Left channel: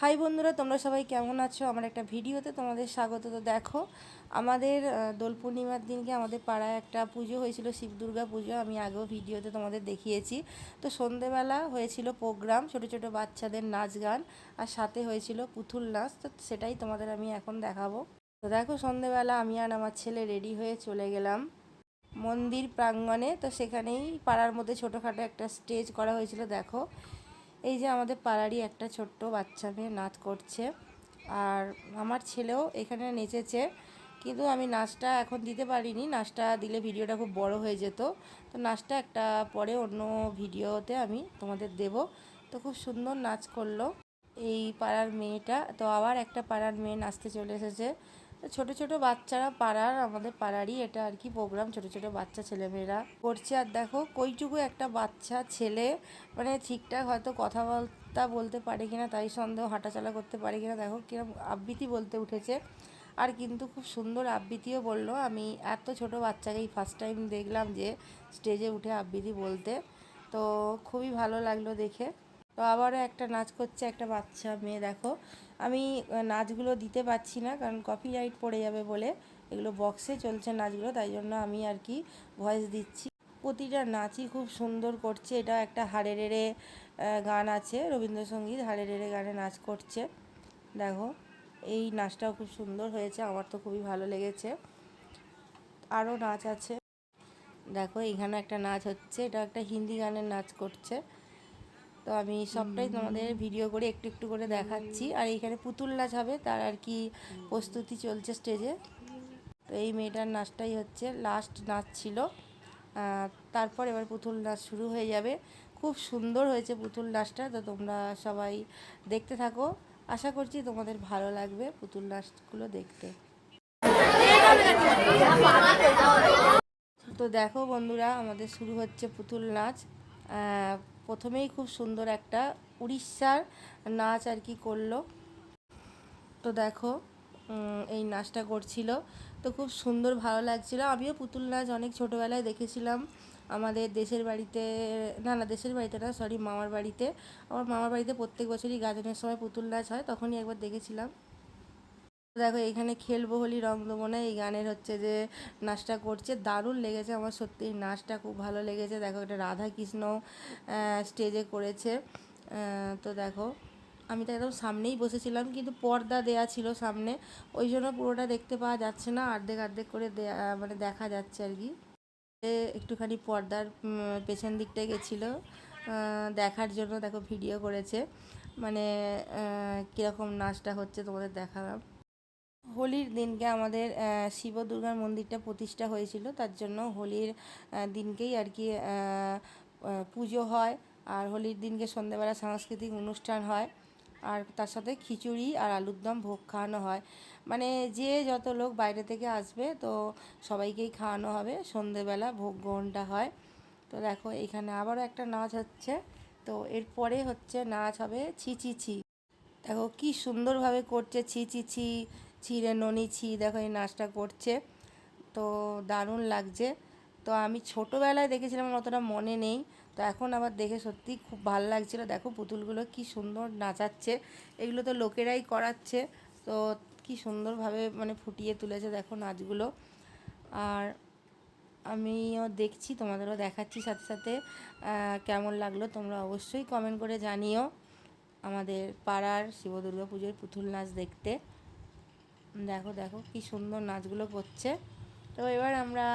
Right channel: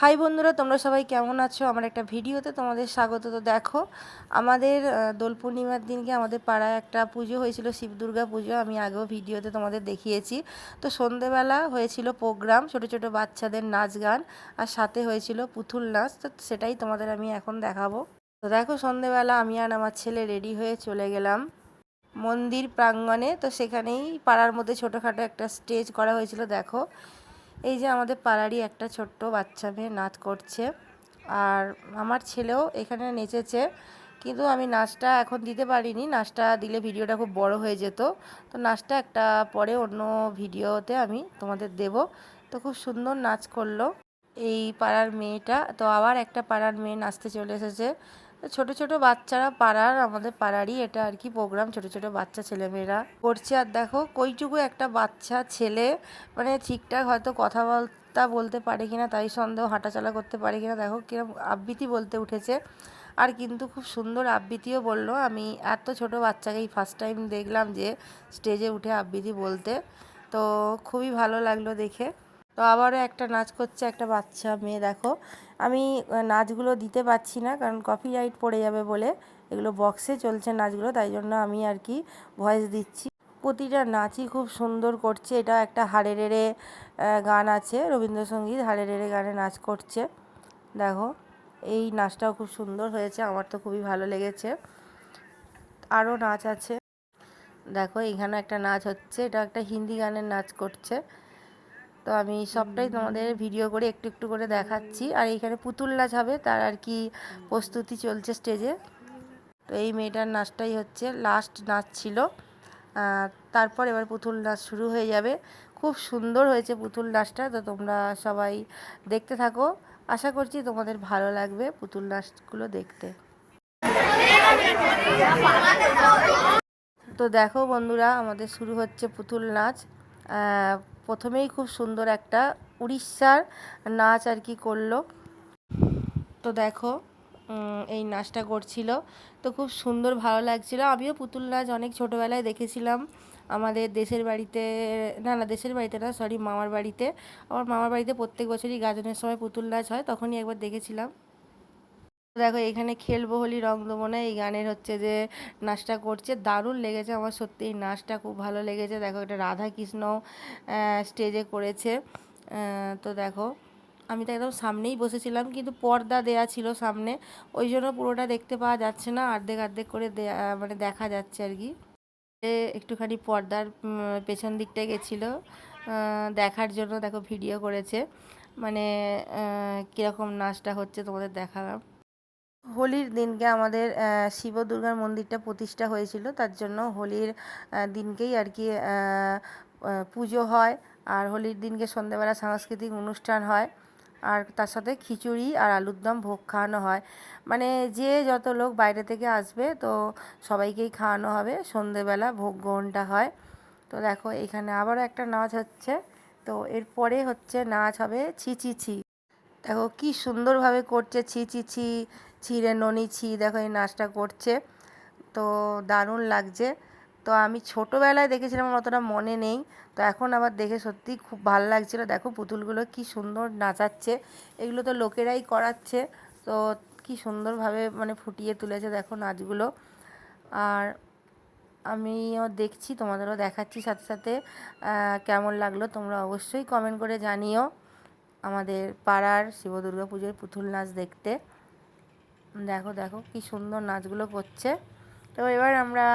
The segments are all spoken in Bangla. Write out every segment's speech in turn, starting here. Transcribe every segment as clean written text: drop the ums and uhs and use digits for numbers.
হাই বন্ধুরা, তোমরা সবাই কেমন আছো? আমার একটা ভিডিওতে তোমাদের স্বাগত। তো দেখো, আমাদের দোল পূর্ণিমার দিনকে আমাদের পাড়ায় একটা পুজো হয়েছিল, শিব দুর্গা পুজো। আমি আগেও ভিডিওতে তোমাদের দেখিয়েছি। তো সন্ধেবেলা হয়েছিল প্রোগ্রাম, ছোট ছোট বাচ্চাদের নাচ গান, আর সাথে হয়েছিল পুতুল নাচ। তো সেটাই তোমাদের আমি এখন দেখাবো। তো দেখো, সন্ধেবেলা আমি আর আমার ছেলে রেডি হয়ে চলে গেলাম মন্দির প্রাঙ্গণে। তো সেখানেই পাড়ার মধ্যে ছোটোখাটো একটা স্টেজ করা হয়েছিল। দেখো, এই যে আমাদের পাড়ারই একটা ছোট্ট বাচ্চা মেয়ে নাচ করছে, আর আমার ছেলেও এখানে নেচেছে। কিন্তু আমি নাচটা এখন দিতে পারিনি, নাচটা দিলে ভিডিওটা খুব বড় হয়ে যেত। তো নাচটা একটা পরে অন্য ভিডিওতে আমি তোমাদের দেব। তো খুব সুন্দর নাচ করলো এই পাড়ার মেয়েটা। তো আবার একটা পাড়ার মেয়ে নাচতে চলে এসেছে। তো ছোটো ছোটো বাচ্চারা, পাড়ার আমাদের পাড়ারই এটা আর কি প্রোগ্রাম, ছোটো ছোটো বাচ্চা ছেলেমেয়েরা করছে। আর দেখো, কইটুকু একটা বাচ্চা ছেলে, মানে ঠিকঠাক হয়তো কথাবার্তা বলতে পারে কিনা তাই সন্দেহ, হাঁটাচলা করতে পারে কিনা। দেখো কিরকম আবৃত্তি বলতে উঠেছে, আর কিন্তু খুব সুন্দর আবৃত্তিও বললো। আমি এত ছোট বাচ্চাকেই ফার্স্ট টাইম দেখলাম যে স্টেজে উঠে আবৃত্তি বলতে। তো খুবই ভালো লাগলো দেখে। তো আবারও একটা নাচ করছে একটা বাচ্চা মেয়ে। দেখো, আমি নাচগুলো দিতে পারছি না, কারণ কপিরাইট পড়ে যাবে বলে। এগুলো বক্সে চলছে নাচগুলো, তাই জন্য আমি আর কি ভয়েস দিচ্ছি। প্রতিটা নাচই খুব সুন্দর করছে। এটা একটা হাড়ে রেড়ে গান আছে, রবীন্দ্রসঙ্গীত, হাড়ে রেড়ে গানে নাচ করছে। দেখো, এই নাচটাও খুব সুন্দর হয়েছে, আমার তো খুবই ভালো লেগেছে। আরও নাচ আছে। দেখো, এখানে একটা নাচ হচ্ছে, এটা একটা হিন্দি গানের নাচ করছে। তো আমি সবটাই তোমাদের ভিডিও করে একটু একটু করে দেখাচ্ছি। আর এইখানে পুতুল নাচ হবে, তার আর কি প্রস্তুতি চলছে স্টেজে। তো এই মেয়েটার নাচটাই হচ্ছে লাস্ট নাচ ছিল। তারপর এবার পুতুল নাচ শুরু হয়ে যাবে। খুব সুন্দর হয়েছে পুতুল নাচটা। তো তোমরা সবাই দেখতে থাকো, আশা করছি তোমাদের ভালো লাগবে পুতুল নাচগুলো দেখতে। তো দেখো বন্ধুরা, আমাদের শুরু হচ্ছে পুতুল নাচ। প্রথমেই খুব সুন্দর একটা উড়িষ্যার নাচ আর কি করলো। তো দেখো, এই নাচটা করছিল, তো খুব সুন্দর ভালো লাগছিল। আমিও পুতুল নাচ অনেক ছোটোবেলায় দেখেছিলাম আমাদের দেশের বাড়িতে, না দেশের বাড়িতে না, সরি, মামার বাড়িতে। আমার মামার বাড়িতে প্রত্যেক বছরই গাজনের সময় পুতুল নাচ হয়, তখনই একবার দেখেছিলাম। দেখো, এখানে খেলবো হোলি রং দেবো না, এই গানের হচ্ছে যে নাচটা করছে, দারুণ লেগেছে আমার সত্যি। এই নাচটা খুব ভালো লেগেছে। দেখো, এটা রাধা কৃষ্ণ স্টেজে করেছে। তো দেখো, আমি তো একদম সামনেই বসেছিলাম, কিন্তু পর্দা দেয়া ছিল সামনে, ওই জন্য পুরোটা দেখতে পাওয়া যাচ্ছে না, অর্ধেক অর্ধেক করে মানে দেখা যাচ্ছে আর কি। একটুখানি পর্দার পেছন দিকটায় গেছিলো দেখার জন্য। দেখো, ভিডিও করেছে, মানে কীরকম নাচটা হচ্ছে তোমাদের দেখালাম। হোলির দিনকে আমাদের শিব দুর্গার মন্দিরটা প্রতিষ্ঠা হয়েছিল, তার জন্য হোলির দিনকেই আর কি পুজো হয়। আর হোলির দিনকে সন্ধ্যেবেলা সাংস্কৃতিক অনুষ্ঠান হয়, আর তার সাথে খিচুড়ি আর আলুর দম ভোগ খাওয়ানো হয়। মানে যে যত লোক বাইরে থেকে আসবে, তো সবাইকেই খাওয়ানো হবে, সন্ধ্যেবেলা ভোগ গ্রহণটা হয়। তো দেখো, এখানে আবারও একটা নাচ হচ্ছে। তো এরপরে হচ্ছে নাচ হবে ছি ছি ছি। দেখো কি সুন্দরভাবে করছে, ছি ছি ছি, ছিঁড়ে ননি ছি। দেখো, এই নাচটা করছে, তো দারুণ লাগছে। তো আমি ছোটোবেলায় দেখেছিলাম, আমার অতটা মনে নেই। তো এখন আবার দেখে সত্যিই খুব ভালো লাগছিলো। দেখো, পুতুলগুলো কি সুন্দর নাচাচ্ছে, এগুলো তো লোকেরাই করাচ্ছে। তো কি সুন্দরভাবে মানে ফুটিয়ে তুলেছে দেখো নাচগুলো। আর আমিও দেখছি, তোমাদেরও দেখাচ্ছি সাথে সাথে। কেমন লাগলো তোমরা অবশ্যই কমেন্ট করে জানিও আমাদের পাড়ার শিব দুর্গা পুজোর পুতুল নাচ দেখতে। দেখো দেখো কি সুন্দর নাচগুলো করছে। তো এবার আমরা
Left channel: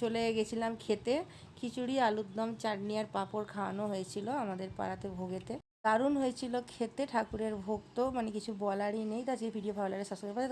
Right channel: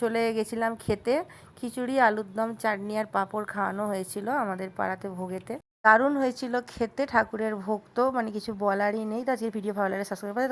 চলে গেছিলাম খেতে। খিচুড়ি, আলুর দম, চাটনি আর পাঁপড় খাওয়ানো হয়েছিল আমাদের পাড়াতে ভোগেতে। দারুণ হয়েছিল খেতে, ঠাকুরের ভোগ তো মানে কিছু বলারই নেই। তা যে ভিডিও ভালো লাগে সাবস্ক্রাইব করে।